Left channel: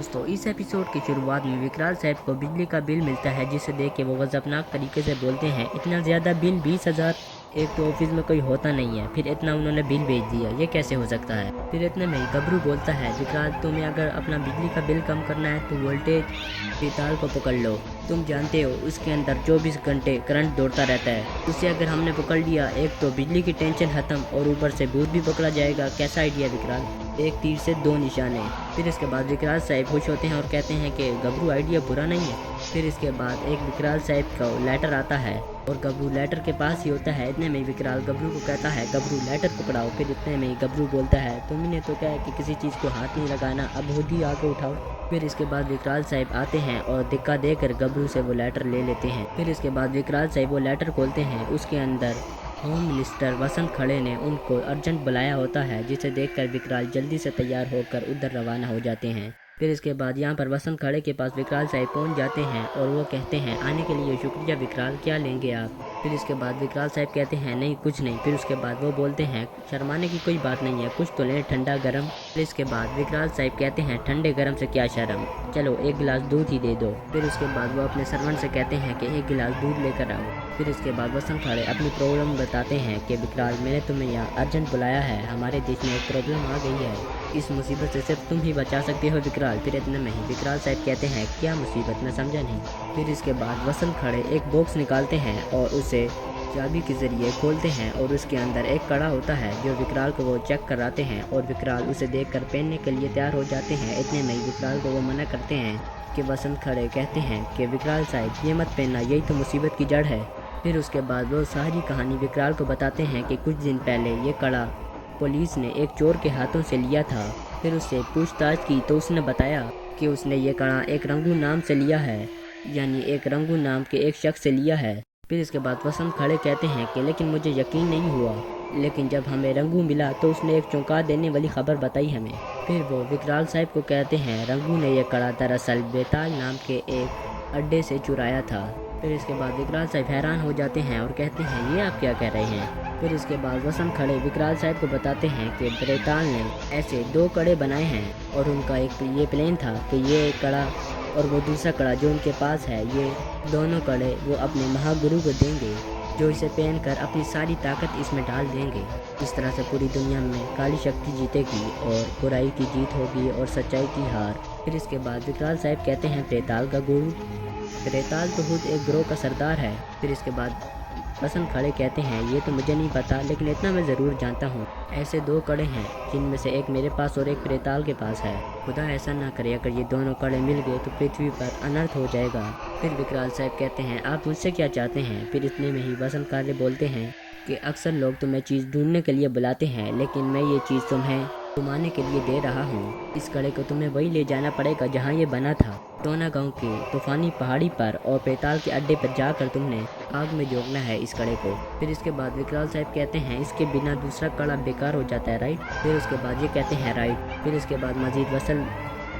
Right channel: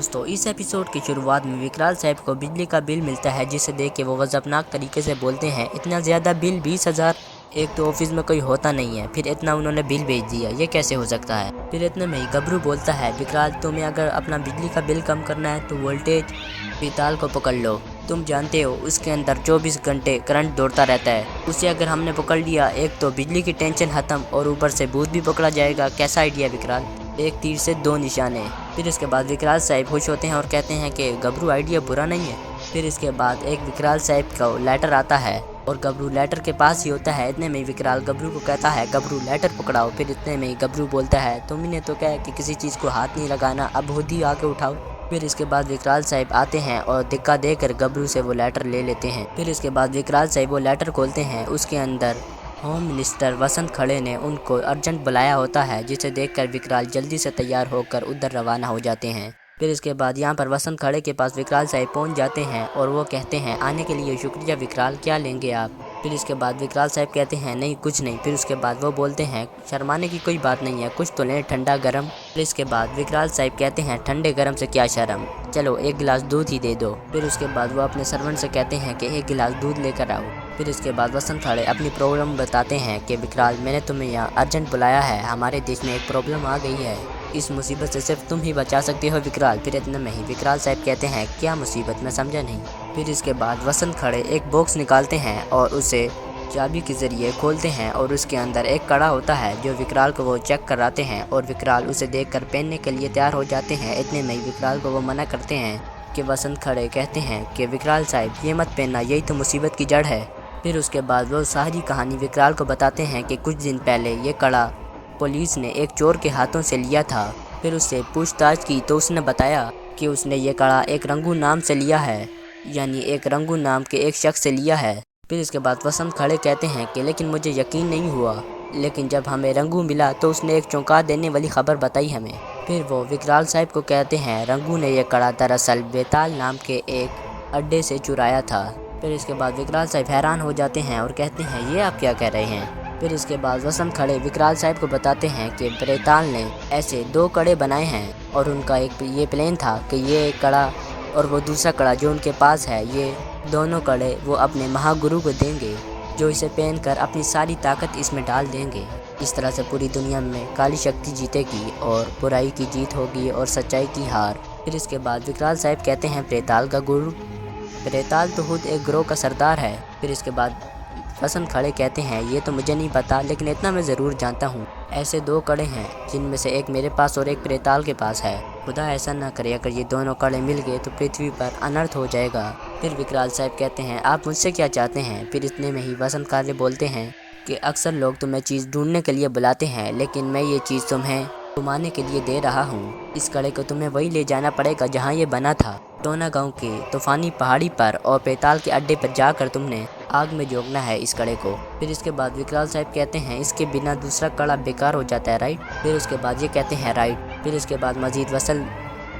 दोस्तों इस एपिसोड की शुरुआत में विकराल साहब को बिजली का बिल मिलता है, जिसे देख के वो गजबनाक तरीके से बोलते हैं, इतना ज़्यादा बिल 20,000, एक तो ऑफिस में कोई होता नहीं है, फिर इतना उन्होंने बिल भेज दिया, ये कैसे हो सकता है। फिर इतने में ही गबरू बोलता है, विकराल तुम्हें अगर अपना बिजली का बिल कम करना है तो वोल्टेज प्रीताल को पकड़ लो। तुम जानते हो उसके अंदर 24 घंटे करंट दौड़ता रहता है, उसे अगर हमने पकड़ लिया एक तो बिजली की टेंशन खत्म और ऊपर से भूत भी पकड़ा जाएगा। कैसा आइडिया विकराल, एक तीर से दो निशाने। फिर इसके बाद विकराल साहब खुश होते हैं और कहते हैं कि गबरू आइडिया बुरा नहीं है। फिर इसके बाद एक विकराल साहब का लेटर आता है और गबरू लेटर के पास ही होता है। इतने में विकराल गबरू को कहता है गबरू लेटर पकड़ाओ। फिर इतने में गबरू बोलता है तुमने तो कहा कि किसी चीज़ को हाथ नहीं लगाना, अब खुद ही आके उठाओ। फिर इसके बाद विकराल साहब आते हैं और धक्का देकर गबरू से वो लेटर ले लेते हैं। फिर इसके बाद विकराल साहब वो लेटर खोलते हैं, उसके अंदर होम मिनिस्टर वसंत खड़े ने उनको अर्जेंट बुलाया होता है, जिसे देखकर विकराल जल्दी से तैयार होकर उधर रवाना हो जाते हैं। फिर इसके बाद यहाँ पर वसंत खड़े के पास विकराल साहब पहुँच जाते हैं और वो कहते हैं आने के लिए शुक्रिया विकराल, क्या लेंगे आप। फिर इसके बाद विकराल साहब कहते हैं नहीं कुछ नहीं। फिर उसके बाद वो बोलते हैं शर्माने की कोई बात नहीं है, कुछ तो लें ठंडा गर्म। फिर इसके बाद विकराल साहब कहते हैं ठंडे गर्म से क्या शर्म, चलो एक गिलास दूध ही दे दो। फिर उसके बाद वो अपने सर्वेंट से कहते हैं कि एक गिलास दूध लेकर आओ। फिर इसके बाद वसंत खड़े अपनी प्रॉब्लम बताते हैं कि विकराल मैंने तुम्हें यहाँ अर्जेंट बुलाया है, हमारे देश में एक प्रॉब्लम आ गई है, इस मुसीबत से सिर्फ तुम ही बचा सकते हो विकराल। फिर इतने में ही विकराल साहब कहते हैं क्या मुसीबत, मैं समझा नहीं। फिर इसके बाद वसंत खड़े एक बॉक्स निकालते हैं और उसे चाबी के ज़रिए खोलते हैं और उसके अंदर एक कड़ा होता है जो विकराल को वो चेक कराते हैं और विकराल उसे देखकर पहनने के लिए तैयार हो जाते हैं। इतने में ही विकराल को वो मना करते हैं कि वसंत खड़े कहते हैं कि विकराल साहब ये मत पहनना, यही तो मुसीबत की जड़ है। फिर उसके बाद वो सारी कहानी विकराल को बताते हैं कि कुछ दिन पहले ये कड़ा पुलिस ने एक चोर के हाथों से लिया था। फिर उससे पूछताछ की तो उसने बताया कि उसने ये कड़ा एक रंगू नाम से लिया है, यानी एक रंगू नाम के एक शख्स से लिया है। फिर इसके बाद वसंत खड़े कहते हैं कि लेकिन मुझे यकीन नहीं हुआ, लेकिन जब हमें रंगू मिला तो उसने एक चौंका देने वाली खबर बताई हमें। फिर वो विकराल साहब को कहते हैं रंगू ने यह कड़ा दरअसल बेताल नाम के एक अड्डे से चुराया था। फिर इसके बाद विकराल साहब हैरान हो जाते हैं और कहते हैं ये आप क्या कह रहे हैं। फिर इसके बाद वसंत खड़े विकराल साहब को बताते हैं कि बेताल ने ऐसे दो कड़े बनाए हैं और उनका एक ये प्लान था कि ये एक कड़ा और वो दूसरा कड़ा जो उनके पास है, ये दोनों कड़े वो अपने महागुरु को देंगे, जो इसे पहनकर अपनी सारी ताकत इसमें डाल देंगे। इस तरह से पूरी दुनिया में काली शक्ति जीतेगी और बुराई की जीत होगी और सच्चाई की हार। फिर इसके बाद विकराल साहब कहते हैं प्रेताल का गुरु, प्रेताल तो खुद एक ग्रोह का सरदार है। फिर इसके बाद वसंत खड़े कहते हैं ये तो मुझे नहीं पता, लेकिन इतना मैं ज़रूर जानता हूँ ऐसे दो कड़े हैं जिनमें से एक मेरे पास और एक प्रेताल के पास है। खुदा ऐसा ना करे अगर ये दोनों कड़े मिल गए तो पृथ्वी पर अनर्थ हो जाएगा। फिर विकराल साहब कहते हैं आप मुझसे क्या चाहते हैं। फिर इतने में ही वसंत खड़े बोलते हैं कि अक्सर लोग तुम्हें चीज़ ढूंढने के लिए बुलाते हैं, लेकिन मैं ये चीज़ तुम्हें घुमाने के लिए दे रहा हूँ। इस कड़े को तुम्हें वही ले जाना पड़ेगा जहाँ ये बना था, टोना गांव की तूफानी पहाड़ी पर, और पेताल के अड्डे पर जाकर तुमने आग में झोंकना है इस कड़े को। फिर इसके बाद विकराल साहब कहते हैं इसके बिना दूसरा कड़ा बेकार हो जाता है राइट। फिर उसके बाद ये कहते हैं राइट। फिर इसके बाद मजीद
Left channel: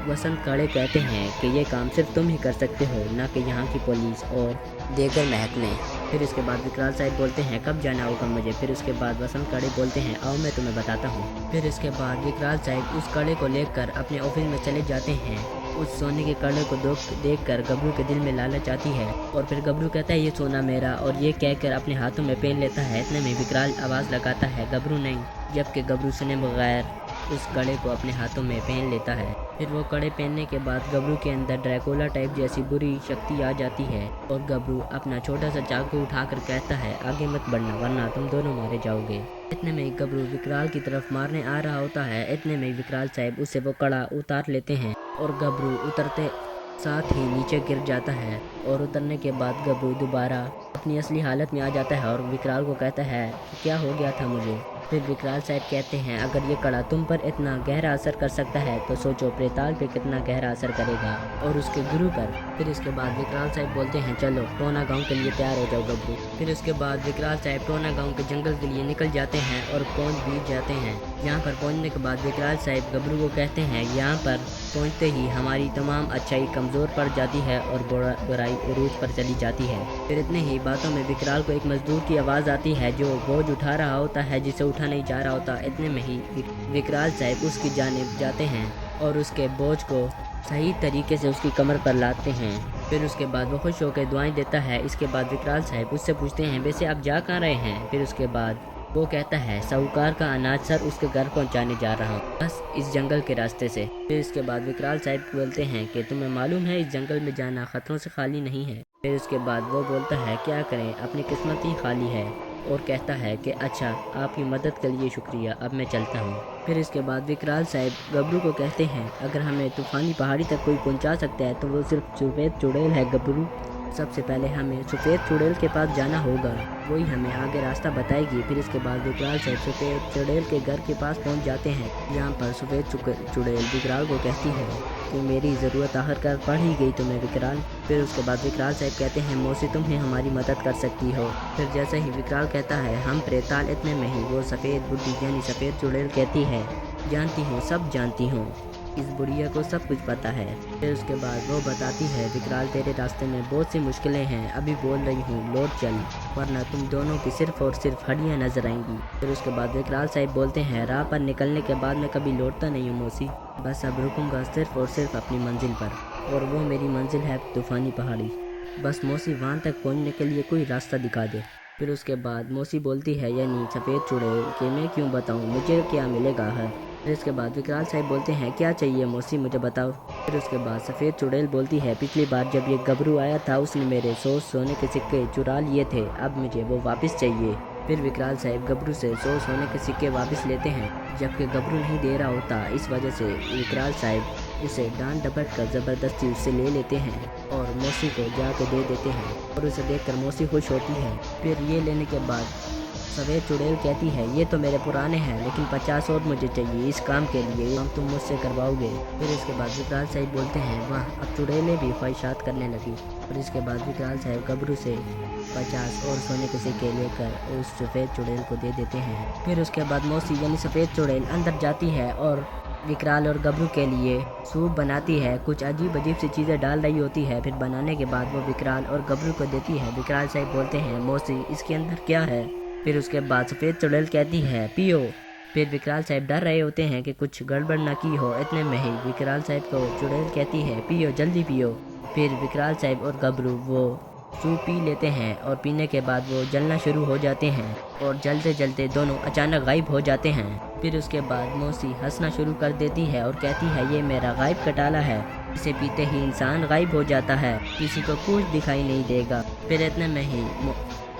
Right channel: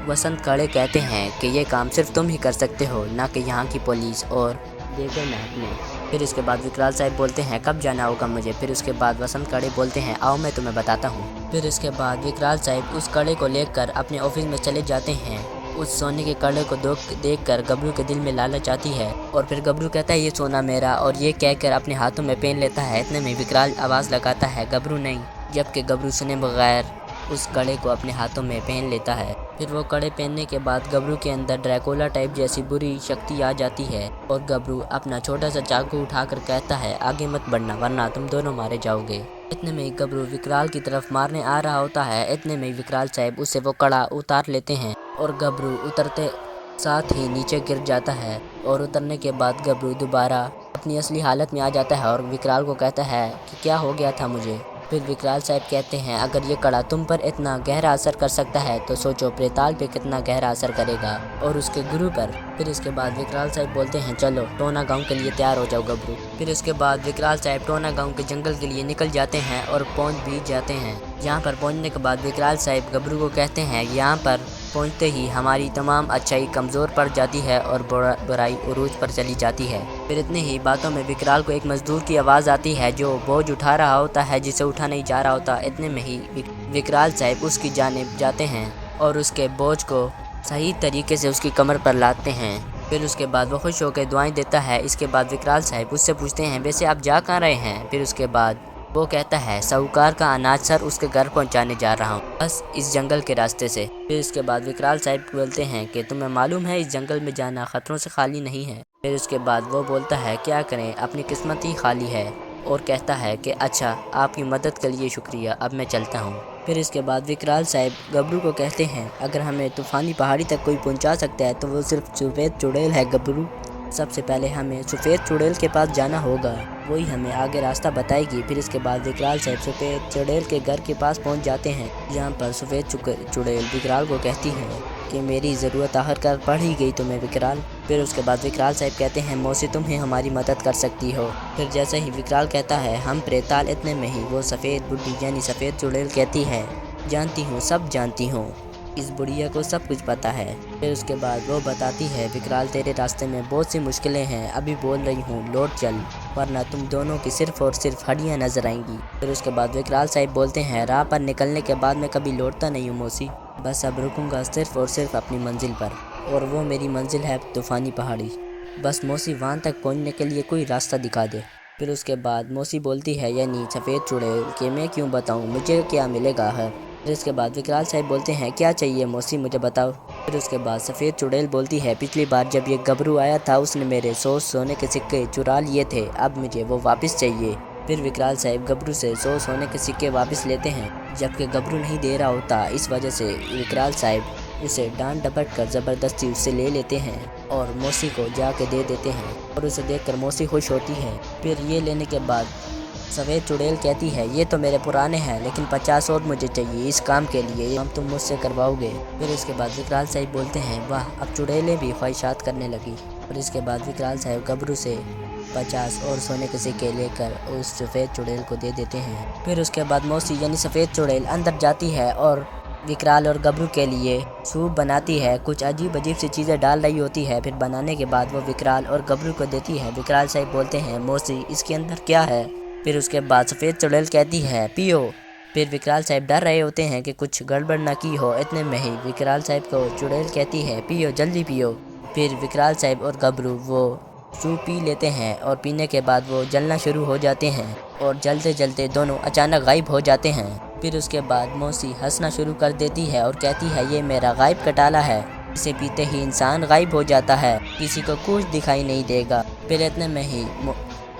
वसंत खड़े कहते हैं कि ये काम सिर्फ तुम ही कर सकते हो, ना कि यहाँ की पुलिस और देगर महकमे। फिर इसके बाद विकराल साहब बोलते हैं कब जाना होगा मुझे। फिर उसके बाद वसंत खड़े बोलते हैं आओ मैं तुम्हें बताता हूँ। फिर इसके बाद विकराल साहब उस कड़े को लेकर अपने ऑफिस में चले जाते हैं। उस सोने के कड़े को देखकर गबरू के दिल में लालच आती है और फिर गबरू कहता है ये सोना मेरा, और ये कहकर अपने हाथों में पहन लेता है। इतने में विकराल आवाज़ लगाता है गबरू नहीं, जबकि गबरू सुने बगैर उस कड़े को अपने हाथों में पहन लेता है। फिर वो कड़े पहनने के बाद गबरू के अंदर ड्रैकुला टाइप जैसी बुरी शक्ति आ जाती है और गबरू अपना छोटा सा चाकू उठाकर कहता है आगे मत बढ़ना वरना तुम दोनों मारे जाओगे। इतने में गबरू विकराल की तरफ मारने आ रहा होता है। इतने में विकराल साहब उससे वो कड़ा उतार लेते हैं और गबरू उतरते साथ ही नीचे गिर जाता है और उतरने के बाद गबरू दोबारा अपनी असली हालत में आ जाता है और विकराल को कहता है कि क्या हो गया था मुझे। फिर विकराल साहब कहते हैं अगर ये कड़ा तुम पर इतना गहरा असर कर सकता है तो सोचो प्रेताल पे कितना गहरा असर करेगा और उसके गुरु पर। फिर इसके बाद विकराल साहब बोलते हैं चलो टोना गांव के लिए तैयार हो जाओ गबरू। फिर इसके बाद विकराल साहब टोना गांव के जंगल के लिए निकल जाते हैं और पहुंच भी जाते हैं। यहाँ पर पहुंचने के बाद विकराल साहब गबरू को कहते हैं यहाँ पर पहुंचते ही हमारी तमाम अच्छाई कमज़ोर पड़ जाती है और बुराई उरूज पर चली जाती है। फिर इतने ही बातों में विकराल को एक मजदूर की आवाज़ आती है जो बोझ उठा रहा होता है जिसे उठा नहीं जा रहा होता। इतने में ही विकराल साहब उसकी जानिब जाते हैं और उसके बोझ को सही तरीके से उसकी कमर पर लाते हैं। फिर उसके बाद वो खुश होकर दुआएं देता है। इसके बाद विकराल साहब उससे पूछते हैं वैसे आप जा कहाँ रहे हैं। फिर उसके बाद वो कहता है साहूकार का अनाज सर उसके घर पहुंचाने जा रहा हूँ, बस इस जंगल के रास्ते से। फिर इसके बाद विकराल साहब बोलते हैं कि तुम्हें मालूम है इस जंगल में जाना खतरों से खाली नहीं है। फिर उसके बाद वो बोलता है क्या करें अपनी किस्मत ही खाली है, और कहता है कि अच्छा आपकी मदद के लिए शुक्रिया, अब मैं चलता हूँ। फिर इसके बाद विकराल साहब गबरू को कहते हैं अगर हमें तूफ़ानी पहाड़ी तक कोई पहुँचा सकता है तो वो सिर्फ सफ़ेद चुड़ैल है गबरू। सबसे पहले हमें सफ़ेद चुड़ैल के पास जाना होगा, वही हमें आगे रास्ता बताएगी। फिर इसके बाद विकराल साहब सफ़ेद चुड़ैल के घर के पास पहुंच जाते हैं, जहां पर सफ़ेद चुड़ैल विकराल को कहती है कि मेरी ज़रूरत आखिरकार पड़ ही गई तुम्हें विकराल। फिर उसके बाद विकराल साहब कहते हैं मौसी तुम ही हमारी मदद कर सकती हो। फिर जैसे ही विकराल कहता है हम प्रेताल, इतने में ही वो सफ़ेद बुढ़ी यानी सफ़ेद चुड़ैल कहती है जानती हूँ सब जानती हूँ, इस बुढ़िया को सब कुछ पता है। फिर उसके बाद वो बताती है विकराल तेरे रास्ते में बहुत सी मुश्किलें हैं, अभी बोल रही हूँ लौट चल वरना तुम दोनों की सिर्फ और सिर्फ हड्डियाँ नजर आएंगी। फिर उसके बाद विकराल साहब बोलते हैं राह पर निकलने के बाद मैं कभी लौटता नहीं हूँ मौसी, बस अब रुकूंगा सिर्फ और सिर्फ अपनी मंजिल पर, और वो मेरी मंजिल है तूफ़ानी पहाड़ी। बस मौसी वहाँ तक पहुँचने के लिए कोई रास्ता दिखा दे। फिर उसके बाद मौसी बोलती है यानी सफ़ेद चुड़ैल कि मैं क्यों बताऊँ मुझे क्या मिलेगा है। फिर इसके बाद विकराल साहब बोलते हैं क्या चाहिए मौसी मुझे बताओ। फिर उसके बाद सफ़ेद चुड़ैल बोलती है पिछली बार जब ये गबरू आया था उसने मेरे 100 सोने के सिक्के चुरा लिए थे, अब मुझे वो वापस चाहिए। फिर विकराल साहब गबरू से 100 सोने के सिक्के वापस लेते हैं, जबकि गबरू नहीं दे रहा होता। इस वजह से विकराल साहब उसे डांट डपट कर ज़बरदस्ती उससे ले लेते हैं और मौसी को जाके दे देते हैं, और उसे देखकर मौसी खुश होती है। फिर ये लेने के बाद सफ़ेद चुड़ैल कहती है ये तो मेरे पुराने हैं लेकिन 50 और मुझे चाहिए इस काम के लिए, हम तुम मुझसे करवाओगे। फिर इसके बाद विकराल साहब बोलते हैं वाह अब चुड़ैलें भी ख्वाहिशात करने लगी। और इसके बाद विकराल साहब गबरू से 50 और सोने के सिक्के लेकर उस सफ़ेद चुड़ैल को दे देते हैं। फिर उसके बाद मौसी यानी सफ़ेद चुड़ैल अंदर जाती है और विकराल और गबरू के लिए सूप बनाती है, कुछ अजीब अजीब सी चीज़ें डाल रही होती है। फिर बनाने के बाद वो विकराल और गबरू को देती है। विकराल साहब बोलते हैं मौसी इसके अंदर क्या है। फिर उसके बाद सफ़ेद चुड़ैल कहती है पियो। फिर विकराल साहब डर रहे होते हैं कि कुछ गड़बड़ ना की हो, इतने में ही विकराल साहब को चुड़ैल कहती है पियो जल्दी पियो। फिर विकराल साहब और गबरू वो सूप पी लेते हैं और पीने के बाद वो जलना शुरू हो जाते हैं और जलते जलते दोनों अचानक गायब हो जाते हैं। फिर उसके बाद मौसी हंसना शुरू कर देती है और कहती है ये मेरा गायब कटाला है, इसे पीते ही इंसान गायब हो जाता है, किसी को कुछ दिखाई नहीं देगा। फिर इतने में ही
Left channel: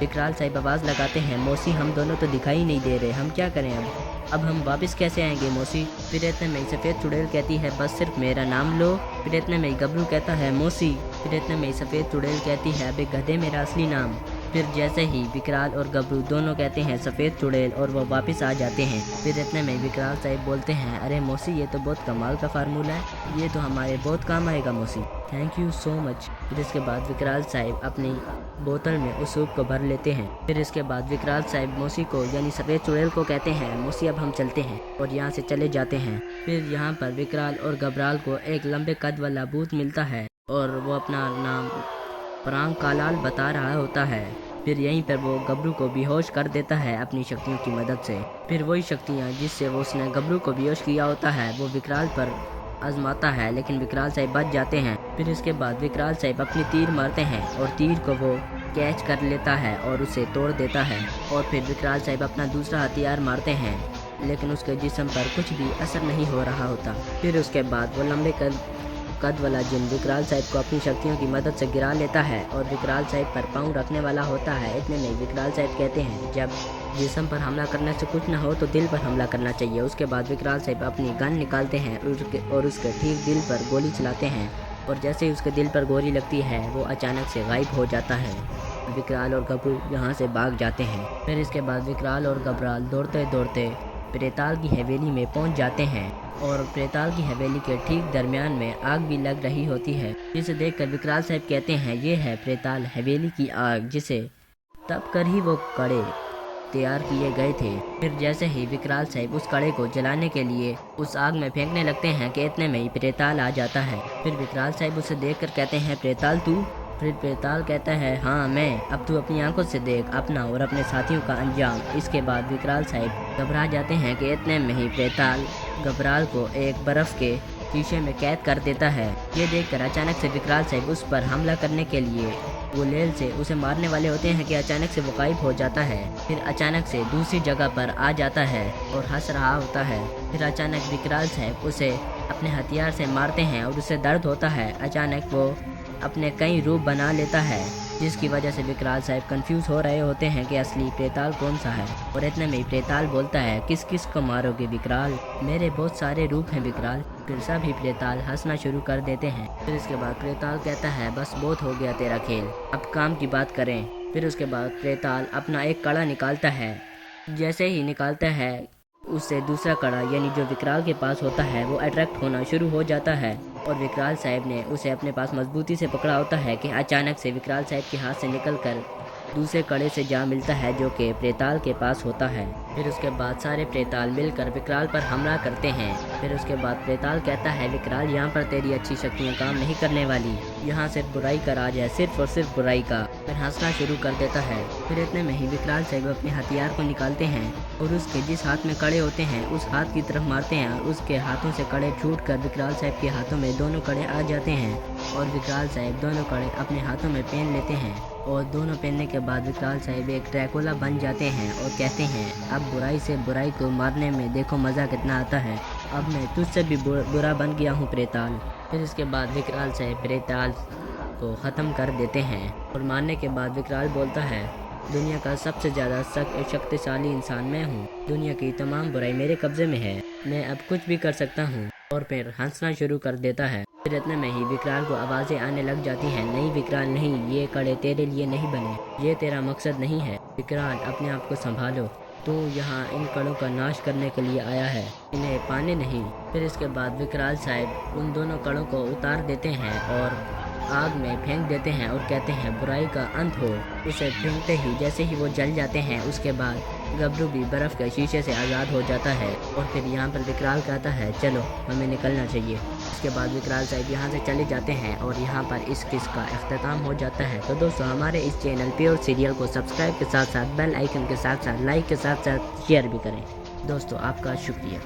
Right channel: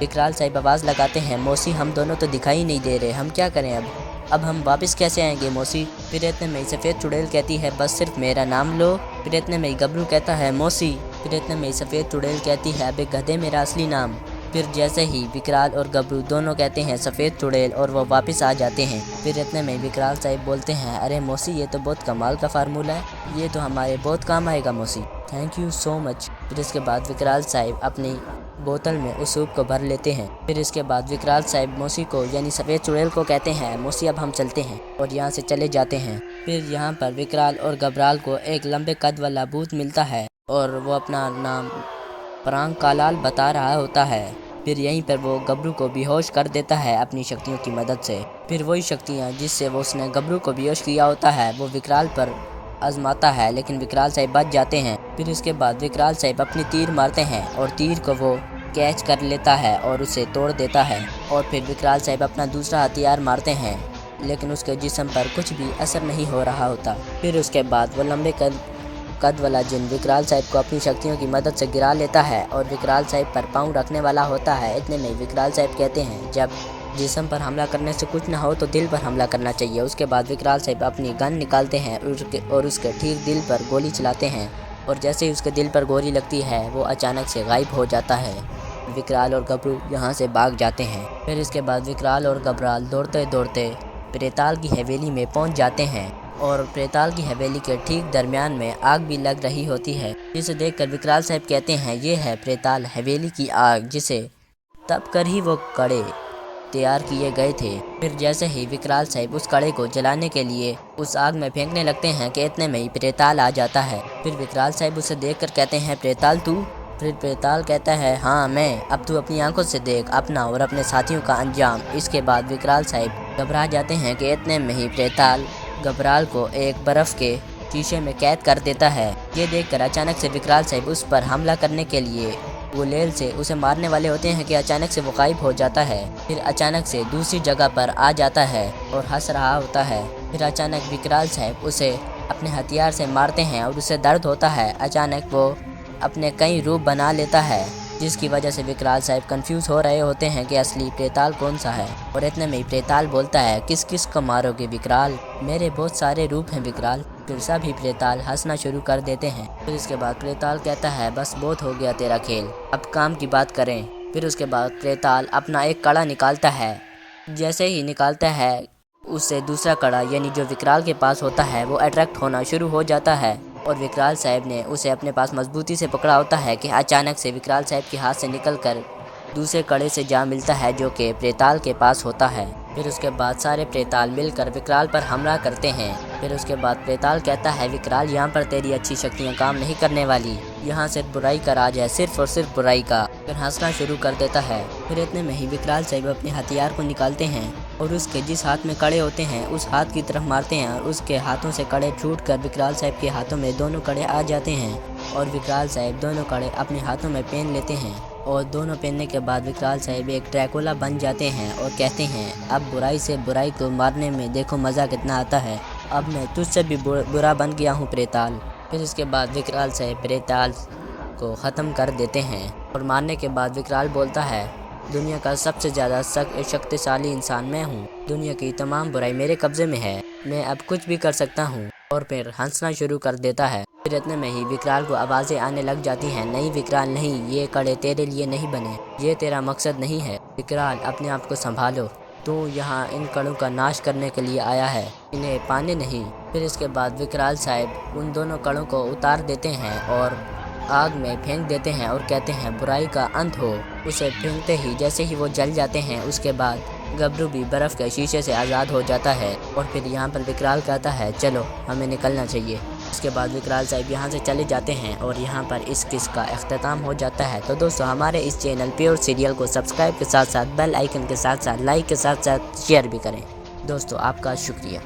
विकराल साहब आवाज़ लगाते हैं मौसी हम दोनों तो दिखाई नहीं दे रहे, हम क्या करें अब हम वापस कैसे आएंगे मौसी। फिर इतने में सफ़ेद चुड़ैल कहती है बस सिर्फ मेरा नाम लो। फिर इतने में गबरू कहता है मौसी। फिर इतने में सफ़ेद चुड़ैल कहती है अबे गधे मेरा असली नाम। फिर जैसे ही विकराल और गबरू दोनों कहते हैं सफ़ेद चुड़ैल और वो वापस आ जाते हैं। फिर इतने में विकराल साहब बोलते हैं अरे मौसी ये तो बहुत कमाल का फार्मूला है, ये तो हमारे बहुत काम आएगा मौसी, थैंक यू सो मच। फिर इसके बाद विकराल साहब अपनी बोतल में उस सूप को भर लेते हैं। फिर इसके बाद विकराल साहब मौसी को यानी सफ़ेद चुड़ैल को कहते हैं मौसी अब हम चलते हैं, और यहाँ से चले जाते हैं। फिर यहाँ पर विकराल और घबराल को एक लंबे कद वाला भूत मिलता है और वो अपना नाम परांग कालाल बता रहा होता है। फिर यहीं पर वो गबरू को बेहोश कर देता है अपनी शक्तियों की मदद से। फिर वही शक्तियाँ जिससे वो उसने गबरू को बेहोश किया होता है वो विकराल पर आजमाता है, लेकिन विकराल साहब बच जाते हैं। फिर इसके बाद विकराल साहब अपनी तीर मारते हैं और तीर को वो कैच कर लेता है और उसे तोड़ देता है। और फिर विकराल साहब अपना दूसरा हथियार मारते हैं, लेकिन उसके जिस्म पर कुछ भी असर नहीं हो रहा होता। फिर उसके बाद वो लंबे कद वाला जिन विकराल साहब को अपनी शक्तियों की मदद से गिरा लेता है और विकराल साहब पर पाँव रखने वाला होता है। इतने में विकराल साहब कहते हैं जब जिस्म पर हमला करने से कुछ ना हो तो दिल पर हमला करना चाहिए। उसके बाद विकराल साहब अपनी गन निकालते हैं और उसके ठीक दिल पर गोली चलाते हैं, और जैसे ही उसके दिल पर गोली लगती है वो अचानक से गायब हो जाता है। विकराल और गबरू यहाँ से भाग जाते हैं। फिर इसके बाद विकराल और घबराल दौड़ते दौड़ते प्रेताल की हवेली में पहुँच जाते हैं, और प्रेताल की हवेली के ठीक दरमियान में आग भी लग रही होती है, जिसे देखकर विकराल साहब कहते हैं ये है प्रेताल हवेली की आग, जिसे तप कर ही वो कड़े तैयार किए गए थे। फिर जैसे ही विकराल साहब उस कड़े को जलाने के लिए उस आग में फेंकने लगते हैं कि इतने में ही प्रेताल आ जाता है। फिर विकराल साहब उसे देखकर कहते हैं प्रेताल तू। फिर प्रेताल कहता है हाँ मैं, अब तू अपनी आंखों से देख अपना और अपने साथियों का अंजाम। इसके बाद विकराल साहब घबरा जाते हैं कि इतने में ही प्रेताल घबराल को एक बर्फ़ के शीशे में कैद कर देता है। ये देखकर अचानक से विकराल साहब उस पर हमला करने के लिए गुलेल से उसे मारने वाले होते हैं कि अचानक से वो गायब हो जाता है। फिर अचानक से दूसरी जगह पर आ जाता है और हंस रहा होता है। फिर अचानक विकराल साहब उसे अपने हथियार से मारते हैं और उसे दर्द होता है। अचानक वो अपने कई रूप बना लेता है, जिसकी वजह से विकराल साहब कंफ्यूज हो रहे होते हैं कि असली प्रेताल कौन सा है। और इतने में ही प्रेताल बोलता है, किस किस को मारोगे विकराल, मेरे बहुत सारे रूप हैं विकराल। फिर सभी प्रेताल हंसना शुरू कर देते हैं। फिर इसके बाद प्रेताल कहता है, बस बहुत हो गया तेरा खेल, अब काम की बात करें। फिर उसके बाद प्रेताल अपना एक कड़ा निकालता है। जैसे ही निकालता है उससे दूसरा कड़ा यानी जो विकराल के पास होता है वो अट्रैक्ट होना शुरू हो जाता है। और विकराल साहब ने उसे अपने पास मजबूती से पकड़ा होता है कि अचानक से विकराल साहब के हाथ से निकलकर दूसरे कड़े से जा मिलता है जो कि प्रेताल के पास होता है। फिर उसके बाद सारे प्रेताल मिलकर विकराल पर हमला करते हैं। फिर उसके बाद प्रेताल कहता है, विकराल यहाँ पर तेरी अच्छी शक्तियाँ काम नहीं करने वाली, यहाँ सिर्फ बुराई का राज है, सिर्फ और सिर्फ बुराई का। फिर हंसना शुरू कर देता है। फिर इतने में ही विकराल साहब अपने हथियार को निकालते हैं और उसके जिस हाथ में कड़े होते हैं उस हाथ की तरफ मारते हैं और उसके हाथों से कड़े छूट कर विकराल साहब के हाथों में दोनों कड़े आ जाते हैं। और विकराल साहब दोनों कड़े अपने हाथों में पहन लेते हैं और दोनों पहनने के बाद विकराल साहब एक ड्रैकुला बन जाते हैं और कहते हैं, अब बुराई से बुराई को मारने में देखो मज़ा कितना आता है, अब मैं तुझसे भी बुरा बन गया हूँ प्रेताल। फिर इसके बाद विकराल साहब प्रेताल को ख़त्म कर देते हैं और मारने के बाद विकराल बोलता है, दुनिया का सबसे ज़्यादा शक्तिशाली इंसान मैं हूँ, दुनिया की तमाम बुराई मेरे कब्ज़े में है, मैं अब कुछ भी कर सकता हूँ। और फिर हंसना शुरू कर देता है। फिर इतने में ही विकराल को आवाज़ें आने लग जाती हैं, नहीं विकराल नहीं, ये कड़े तेरे लिए नहीं बने, ये तेरा मकसद नहीं है, विकराल अपने आप को संभालो, तू यहाँ इन कड़ों का नाश करने के लिए आया है, इन्हें पाने नहीं। फिर इसके बाद विकराल साहब उन दोनों कड़ों को उतार देते हैं और आग में फेंक देते हैं और कहते हैं, बुराई का अंत हो। उसे फेंकते ही जैसे ही वो जल जाते हैं उसके बाद गबरू भी बर्फ़ के शीशे से आज़ाद हो जाता है। और फिर यहाँ पर विकराल कहता है, चलो हमें निकलना चाहिए। इसके बाद विकराल साहब यहाँ से चले जाते हैं और यहाँ पर इस किस्त का अख्ताम हो जाता है। तो दोस्तों हमारे इस चैनल प्योर सीरियल को सब्सक्राइब के साथ साथ बेल आइकन के साथ साथ लाइक के साथ साथ शेयर भी करें। दोस्तों आपका शुक्रिया।